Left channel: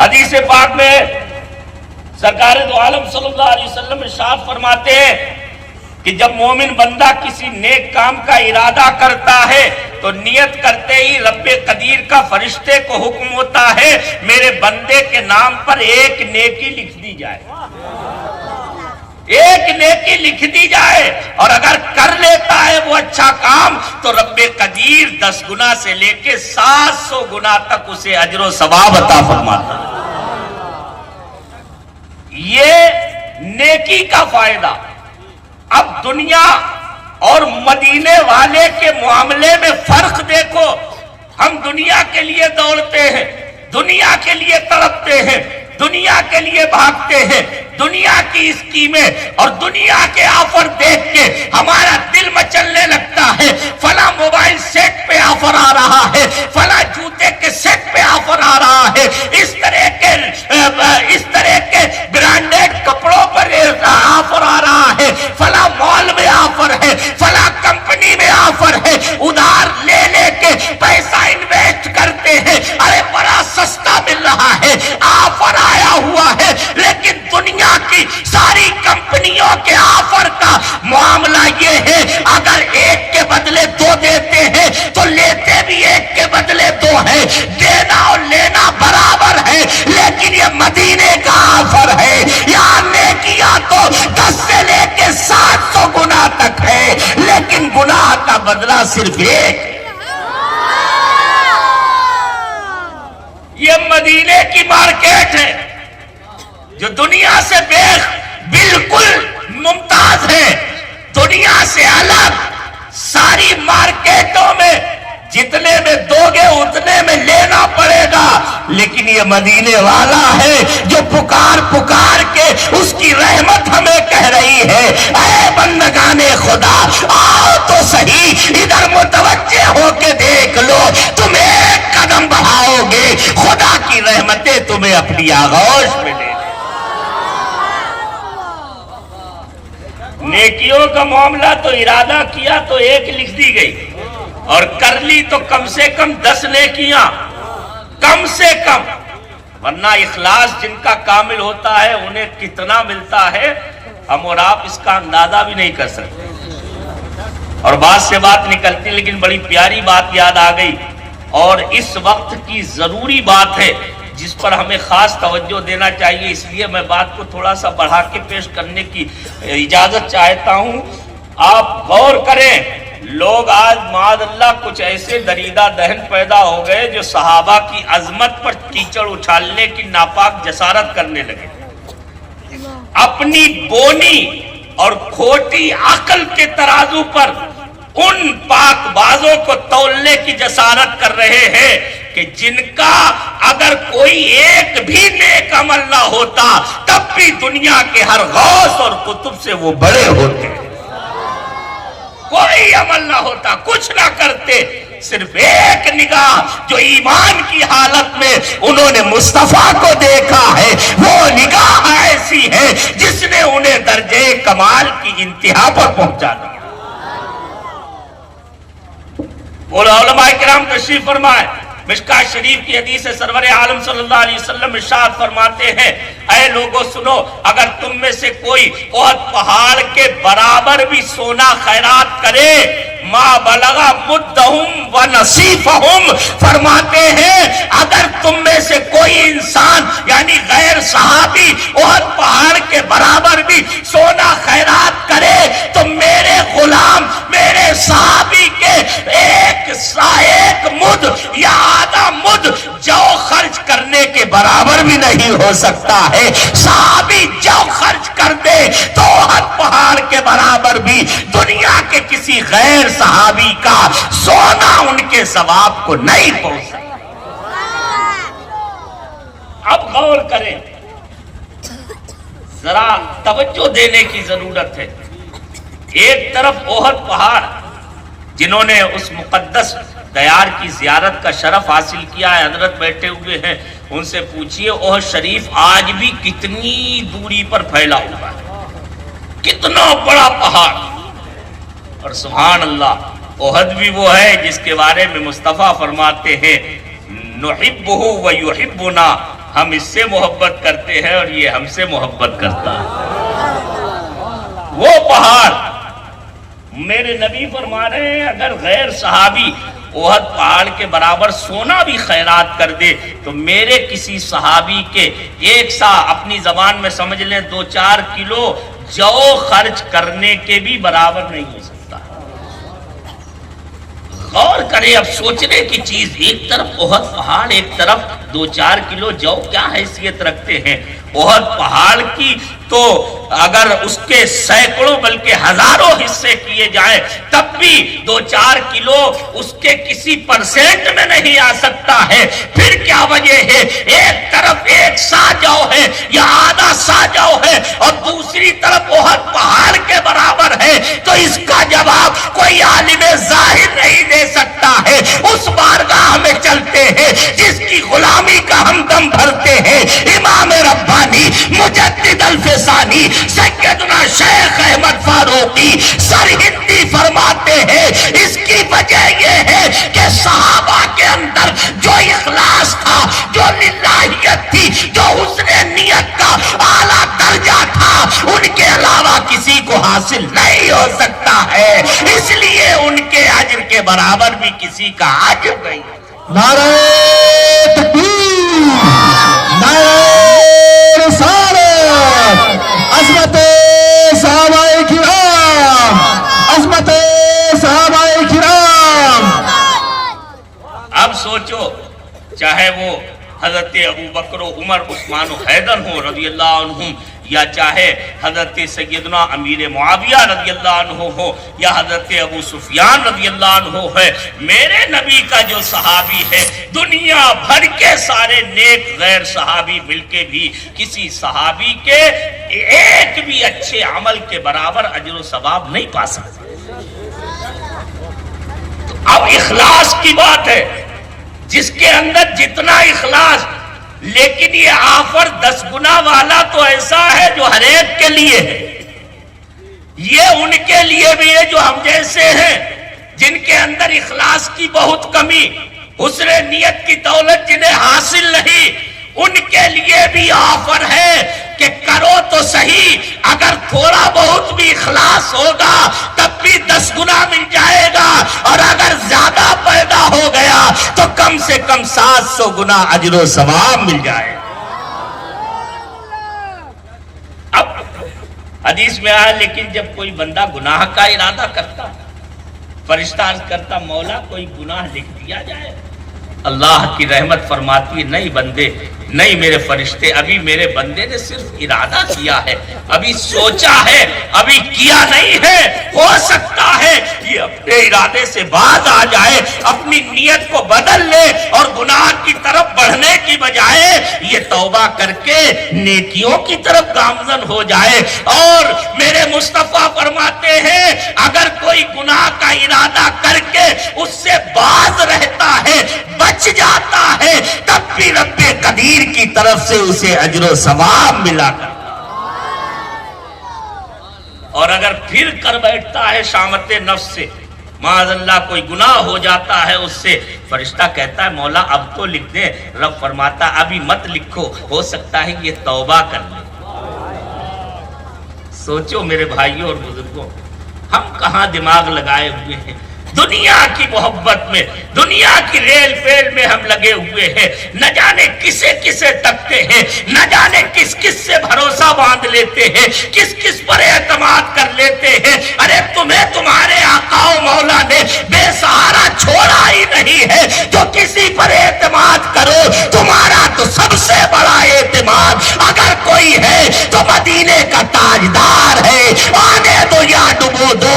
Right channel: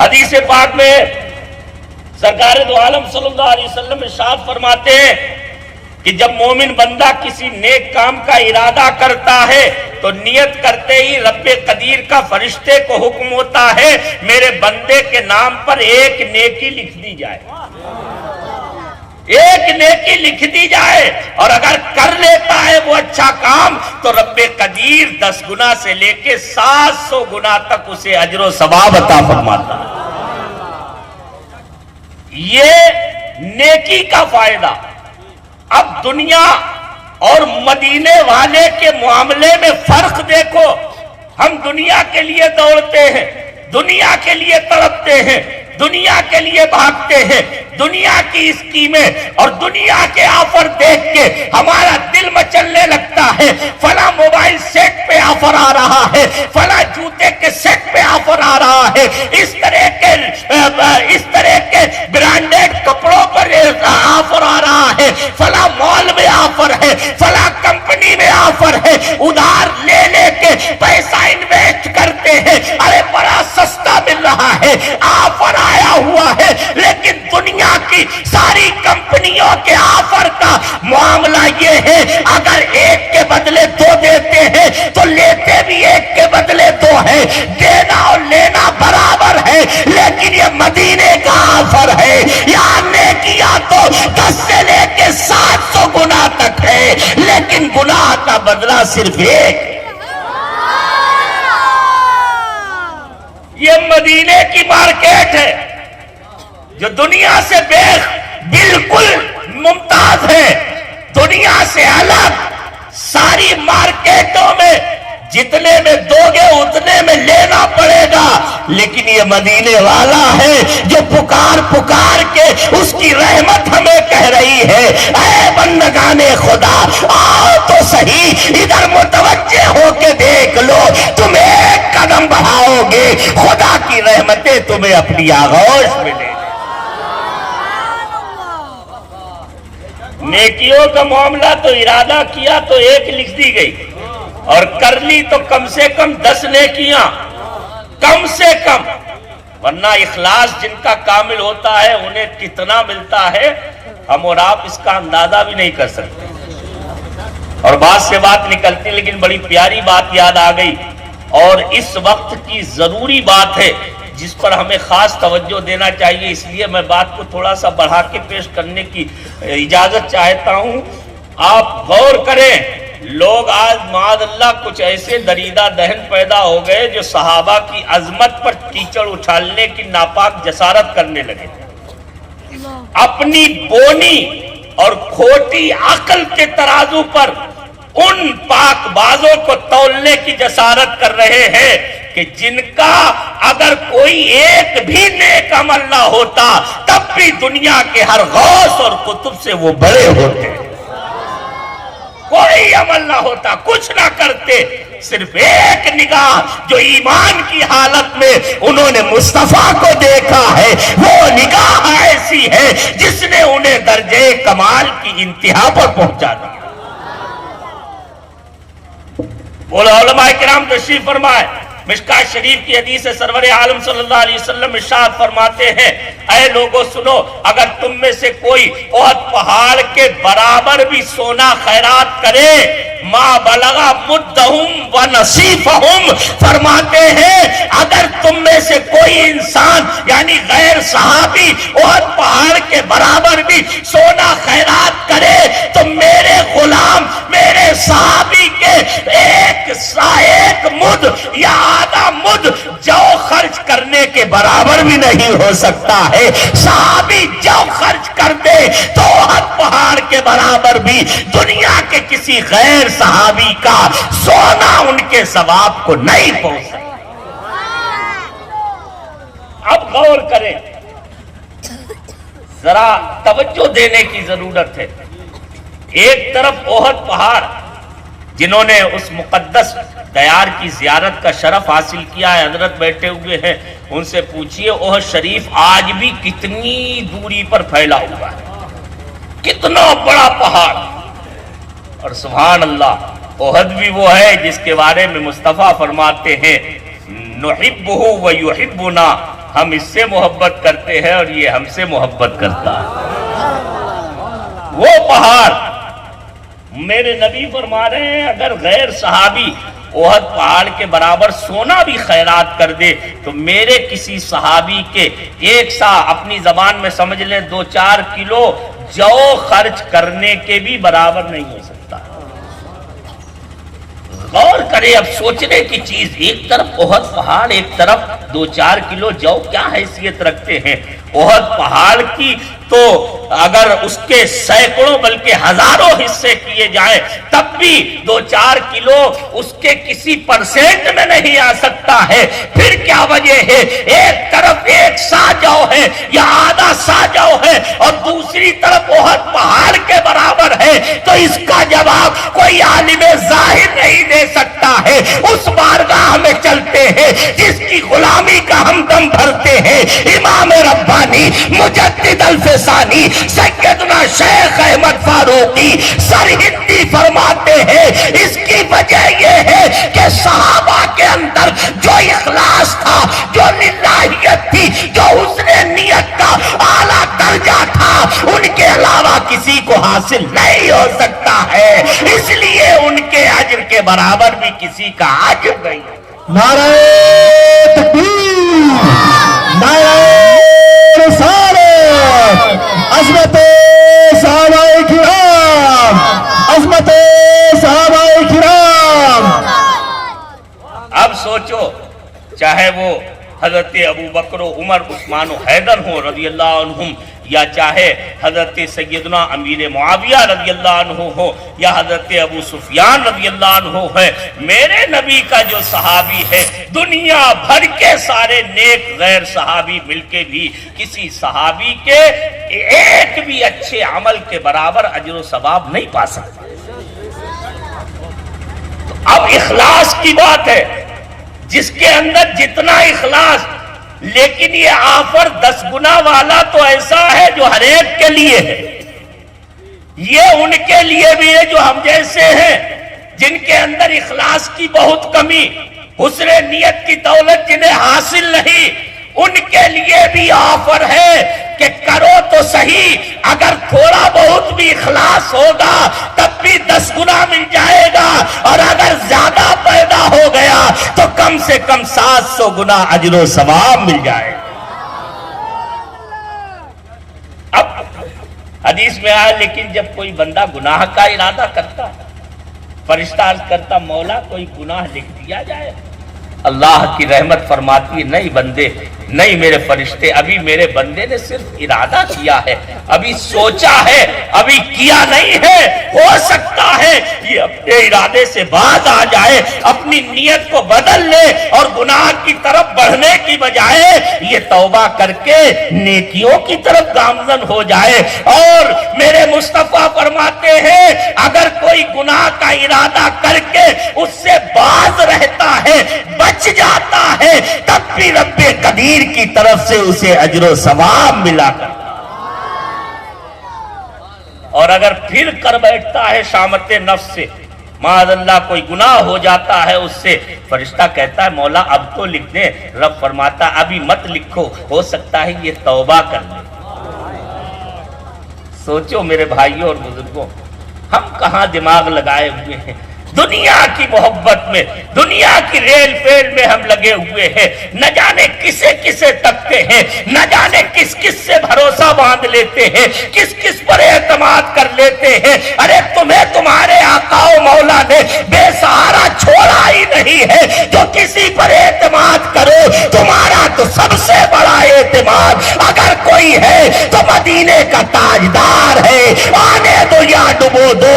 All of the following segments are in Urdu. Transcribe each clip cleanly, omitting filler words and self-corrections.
حدیث پاک میں سرکار دو عالم صلی اللہ علیہ وسلم ارشاد فرماتے ہیں کہ جب مومن بندہ کسی نیک کام کا ارادہ کرتا ہے تو نیت کرتے ہی رب قدیر کا فرشتے کو حکم ہوتا ہے میرے بندے کے نام پر ایک نیکی لکھ دی جائے، ایک نیکی لکھ دی جائے، اور اگر کر لیتا ہے وہ اچھا کام تو رب قدیر 10 گنا سے لے کے 700 گنا تک اسے اجر و ثواب عطا فرماتا ہے۔ یہ نیکی کا فائدہ۔ اب دنیا اور مدینے والے کے معاملے میں فرق دیکھو، ہم دنیا کے لیے دوڑتے ہیں، دنیا کے لیے تڑپتے ہیں، دنیا کے لیے بھاگتے ہیں، دنیا کی اسکیمیں اور دنیا کے آفر دیکھ کے ہمارا دل مچلنے لگتا ہے، فلاں موبائل سیٹ پہ آفر آ رہا ہے، فلاں جوتے کے سیٹ پہ آفر آ رہا ہے، اس طرح کے برانڈیڈ کپڑوں پر آفر آ رہا ہے، فلاں مال میں آفر ہے، فلاں کمپنی میں آفر ہے، ادھار لے لے کے پیسہ انویسٹ کرتے ہیں، ارے بڑا سستا مل رہا ہے، آفر آیا ہوا ہے، لیکن دنیا کی ساری کمپنیوں کے آفر کا معاملہ یہ ہے اگر ایک کے بدلے 2 دیتے ہیں تو لیتے بھی ایک کے بدلے 2 ہے، دینا اور لینا برابر ہے، لیکن یہ مدینے کا آفر ہے، یہاں نیکیاں تو 10 سے لے کے 700 گنا تک ہے، لیکن گناہ کا بدلہ صرف ایک۔ یہ مدینے کی مارکیٹ ہے جو دنیا سے بالکل ممتاز ہے، دنیا سے الگ۔ ساری مارکیٹوں میں جتنے میں دو گے اتنے میں لینا پڑے گا، لیکن یہ مدینے والا ہے جو پکار پکار کے اس کی رحمت ہمیں کہہ رہی ہے، اے بندگان خدا آؤ تو صحیح، ادھر متوجہ ہو کے دیکھ لو، تم ایک قدم بڑھاؤ گے خدا کی رحمتیں تمہیں اپنی آغوش میں لے۔ نیکیوں کا معاملہ تو ارادہ کیا تو ایک لکھ دی گئی، اور کر لی تو کم سے کم 10 نیکیاں، کم سے کم، ورنہ اخلاص جن کا کامل ہوتا ہے انہیں کتنا ملتا ہے ہم اور آپ اس کا اندازہ بھی نہیں کر سکتے۔ اور بات سے بات نکلتی، لیکن بڑی پیاری بات یاد آ گئی، اور اس وقت کی ضروری بات ہے جس پر ہمیں خاص توجہ دینا چاہیے، اس لیے میں بات کو تھوڑا سا بڑھا کے پیش کرنے کی اجازت چاہتا ہوں۔ آپ غور کریں، لوگ آج معاذ اللہ کچھ ایسے دریدہ دہن پیدا ہو گئے جو صحابہ کی عظمت پر کیچڑ اچھالنے کی ناپاک جسارت کرنے لگے، اپنی بونی اور کھوٹی عقل کے ترازو پر ان پاک بازوں کو تولنے کی جسارت کر رہے ہیں کہ جن کا اگر کوئی ایک بھی نیک عمل نہ ہوتا تب بھی دنیا کے ہر غوث اور قطب سے وہ بڑے ہوتے، کوئی عمل نہ ہوتا، کچھ نہ کرتے، صرف ایک نگاہ جو ایمان کی حالت میں انہوں نے مصطفیٰ کو دیکھا ہے، وہ نگاہ ایسی ہے جس نے انہیں درجے کمال کی انتہا پر پہنچا دیا۔ علماء کرام تشریف فرمائے، مشکاۃ شریف کی حدیث سرور عالم صلی اللہ علیہ وسلم ارشاد فرماتے ہیں، اے لوگوں سنو، اگر تم میں سے کوئی احد پہاڑ کے برابر بھی سونا خیرات کرے، ما بلغ مدہم و نصیفہم، فرماتے ہیں اگر تم میں سے کوئی انسان یعنی غیر صحابی احد پہاڑ کے برابر بھی سونا خیرات کرے تو میرے غلام میرے صحابی کے ایک مد یا آدھا مد جو خرچ کرنے کے برابر بھی نہیں ہو سکتا ہے۔ صحابی جو خرچ کر دے تو احد پہاڑ کے برابر بھی دنیا کے کسی غیر صحابی کا سونا ان کے ثواب کو نہیں پہنچ سکتا۔ اب غور کریں، ذرا توجہ دینے کی ضرورت ہے۔ ایک طرف احد پہاڑ جنہوں نے اس مقدس دیار کی زیارت کا شرف حاصل کیا ہے، حضرت بیٹھے ہوئے ہیں، ان سے پوچھئے احد شریف آج بھی کتنی دوری پر پھیلا ہوا ہے، کتنا بڑا پہاڑ، اور سبحان اللہ احد بھی وہ ہے جس کے بارے میں مصطفیٰ فرماتے ہیں نحبہ و یحبنا، ہم اس سے محبت کرتے ہیں اور یہ ہم سے محبت کرتا ہے۔ وہ پہاڑ، میرے نبی فرما رہے ہیں اگر غیر صحابی احد پہاڑ کے برابر سونا بھی خیرات کر دے تو میرے کسی صحابی کے ایک سا اپنی زبان میں سمجھ لیں 2-4 کلو جو خرچ کرنے کے بھی برابر نہیں ہو سکتا۔ غور کرے، اب سوچنے کی چیز، ایک طرف احد پہاڑ، ایک طرف 2-4 کلو جو کیا حیثیت رکھتے ہیں احد پہاڑ کی، تو اگر اس کے سینکڑوں بلکہ ہزاروں حصے کیے جائیں تب بھی 2-4 کلو اس کے کسی پرسنٹ میں نہیں آ سکتا ہے۔ پھر کیا وجہ ہے؟ ایک طرف 1 سا جو ہے یا آدھا سا جو ہے اور دوسری طرف احد پہاڑ کے برابر ہے، تو اس کا جواب کوئی عالم ظاہر نہیں دے سکتا ہے۔ اس بارگاہ میں چلتے ہیں جس کی غلامی کا ہم دم بھرتے ہیں، امام ربانی مجدد الفسانی سیدنا شیخ احمد فاروقی سرہندی فرماتے ہیں اس کی وجہ یہ ہے کہ صحابہ کے اندر جو اخلاص تھا، جو للہیت تھی، جو حسن نیت کا اعلیٰ درجہ تھا، ان کے علاوہ کسی کو حاصل نہیں ہو سکتا ہے، اس لیے ان کے اجر کے برابر بھی کسی کا اجر نہیں ہے۔ نعرہ تکبیر، نعرہ رسالت، عظمت صحابہ کرام، عظمت صحابہ کرام۔ اب سوچو، چاہے وہ حضرت ابو بکر و عمر عثمان و حیدر ہوں رضی اللہ عنہم، یا چاہے حضرت سیدنا امیر معاویہ رضی اللہ عنہ ہو، یا حضرت ابو سفیان رضی اللہ عنہ ہے، میرے نبی کا جو صحابی ہے، دنیا بھر کے سارے نیک غیر صحابی مل کے بھی کسی صحابی کے ایک بھی اچھے عمل کے برابر اجر و ثواب نہیں پا سکتے۔ اب اخلاص کی بات ہے، جس کے اندر جتنا اخلاص، لیکن یہ آفر 10 گنا والا تو ایسا ہے جو ہر ایک کے لیے ہے، یہ ان کے لیے بھی ہے جو ہم جیسے ہیں، جن کے اندر اخلاص کی بہت کمی، حسن نیت کی دولت جنہیں حاصل نہیں، ان کے لیے بھی آفر ہے کہ کرو تو صحیح، اگر تھوڑا بہت بھی اخلاص ہوگا تب بھی 10 گنا مل جائے گا، اور اگر زیادہ پیدا ہو گیا تو کم سے کم 700 گنا اجر و ثواب مل جائے گا۔ اب حدیث میں آیا لیکن جب کوئی بندہ گناہ کا ارادہ کرتا ہے، فرشتہ عرض کرتا مولا کوئی گناہ لکھ دیا جائے، اللہ کی رحمت فرماتی ہے نہیں بندے، نہیں میرے فرشتے، ابھی میرے بندے نے صرف ارادہ کیا ہے، ابھی سوچا ہے، ابھی کیا نہیں ہے، ہو سکتا ہے یہ اپنے ارادے سے باز آ جائے، اپنی نیت کو بدل لے اور گناہ کی طرف بڑھنے کی بجائے یہ توبہ کر کے نیکیوں کی طرف گامزن ہو جائے۔ اور میرے مصطفیٰ فرماتے ہیں اگر کوئی گناہ کا ارادہ کر کے اس سے باز رہتا ہے، بچ جاتا ہے، تب بھی رب قدیر کی طرف سے اسے اجر و ثواب ملا کر، اور اگر پھر کر بیٹھتا ہے شامت نفس سے، معاذ اللہ کوئی گناہ ہو جاتا ہے اس سے، فرشتہ کہتا ہے مولا اب تو لکھ دیں، رب فرماتا ہے ابھی مت لکھو، ہو سکتا ہے یہ توبہ کر لے۔ سوچو میرے بھائیوں اور بزرگوں، ہم کہاں دماغ لگائے ہوئے ہیں، دنیا کی محبت میں، دنیا کی ریل فیل میں ہم لگے ہوئے ہیں، نہ جانے کسے کسے تکتے ہیں، نہ جانے کس کس سے بھروسہ باندھ لیتے ہیں، کس کس پر اعتماد کر لیتے ہیں۔ ارے تمہیں تمہارے آقا و مولا نے بے سہارا چھوڑا ہی نہیں ہے، جو کسی پر اعتماد کرو، تمہارا تو سب سے بڑا اعتماد اگر کوئی ہے تو مدینے کا تاجدار ہے، آنے دو یا ڈبو دو،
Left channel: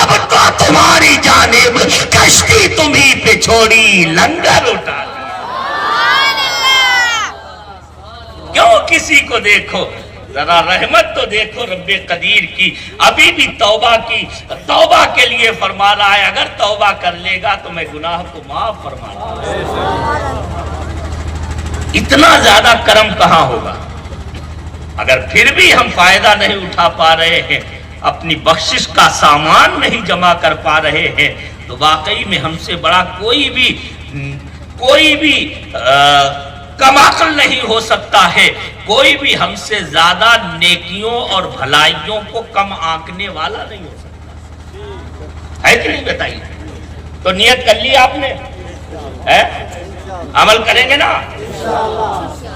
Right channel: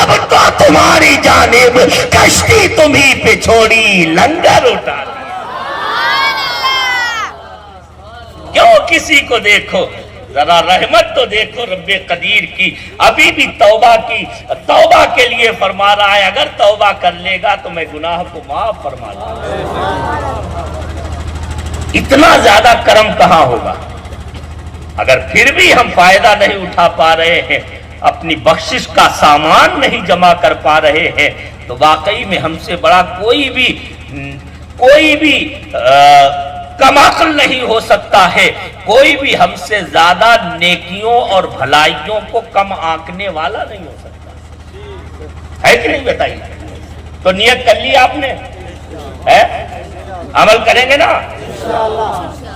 اب تو تمہاری جان کشتی تمہیں پہ چھوڑی، لنگر اٹھا کیوں کسی کو دیکھو، ذرا رحمت تو دیکھو رب قدیر کی، ابھی بھی توبہ کی، توبہ کے لیے فرما رہا ہے اگر توبہ کر لے گا تو میں گناہ کو معاف فرما دوں۔ اتنا زیادہ کرم کہاں ہوگا؟ اگر پھر بھی ہم فائدہ نہیں اٹھا پا رہے ہیں، اپنی بخشش کا سامان نہیں جمع کر پا رہے ہیں، تو واقعی میں ہم سے بڑا کوئی بھی کم عقل نہیں ہو سکتا ہے، کوئی بھی ہم سے زیادہ نیکیوں اور بھلائیوں کو کم آنکنے والا نہیں ہو سکتا ہے کہ نہیں؟ بتائیے. تو نیت کر لی آپ نے؟ عمل کریں گے نا؟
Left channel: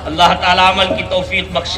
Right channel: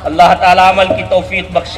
اللہ تعالیٰ عمل کی توفیق بخشے.